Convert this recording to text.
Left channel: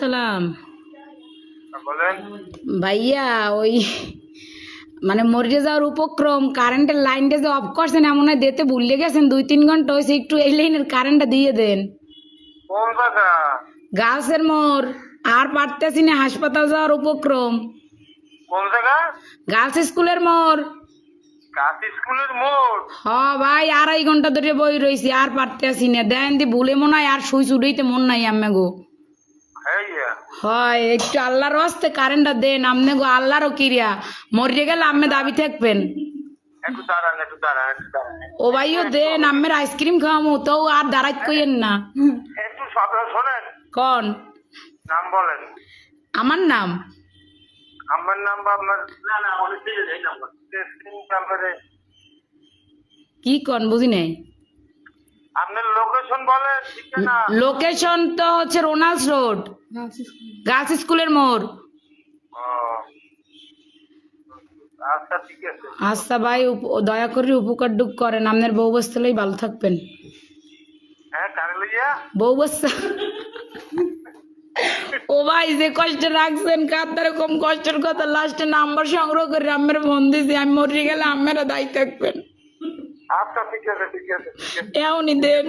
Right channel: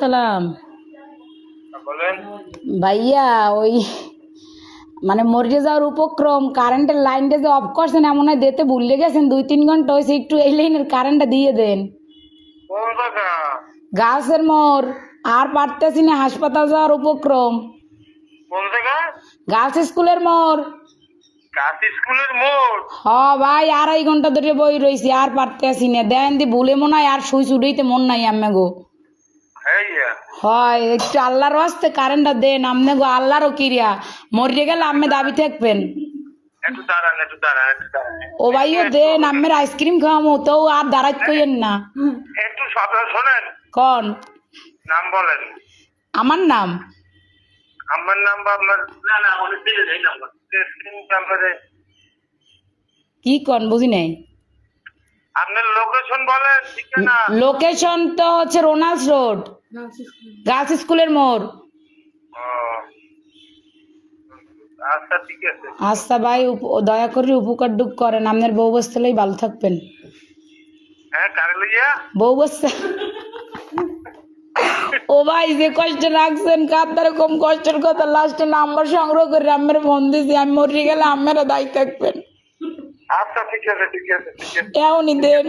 সালাম বলেন। ভাইয়া, ওই মানে মরে যাওয়ার উপক্রম, কারেন্টের লাইনটা যে অফ করছেন এমন হয় দিতে ভুলে গেছেন, 2-3 ঘন্টা হয়েছে, একটু এই লাইনের কারেন্টটা দিয়ে দেন। কোন জায়গা? গাছের মোড়, আর পারতেছি না, হাসপাতাল যাওয়ার উপক্রম। কোন জায়গা? গার্লস স্কুলের মোড়। কাশ স্কুলের মোড়। হ ভাই, 2.5 ঘন্টা ধরে বই রয়েছি, আর পারতেছি না। দেন দি ভুলে মনে হয় আর সুই চুড়াইতে মন নাই আমি গো। হ্যাঁ, হয় একটু আল্লাহর হস্তে কারেন্টটা দেন, আমনে গো আল্লাহরও কিরিয়া, মরিয়ে গেলে আমি দাবি থাকবেন। একটু দাঁড়ান, একটু দাঁড়ান, একটু দাঁড়ান। ও ভাইও দেন, আমের আইসক্রিম খাওয়ামো তো আর দাঁড়াইত কইেন না। একটু কথা শোনেন। কন নাম বলেন। আমার নাম? আমার নাম বা আপনার? না না, অনেক দিলে এই নাম্বার নাম্বারে। কি কন বুঝি নাই। আপনার লোকেশন বলেন, ঠিকানা। লোকেশন তো হচ্ছে রোনাল্ডস রোড, গার্লস স্কুলের মোড়। ও, আচ্ছা ঠিক আছে। আচ্ছা ভাই, দয়া করে উপকার ডুক করেন, আপনার বউ বসতেলেই ভালো থাকবেন। হ্যাঁ, কারে লইয়া? বউ বসতে। ও ভাই, যে কষ্ট রাখছেন কার কম কষ্টের কথা, লাস্টে নাম্বার সংগ্রহ করে আমার ফোন দিয়েছি, আমি মরে গেলে আপনারা দায়ী থাকবেন। আচ্ছা ঠিক আছে, ঠিক আছে, ঠিক আছে। এমনই দেন।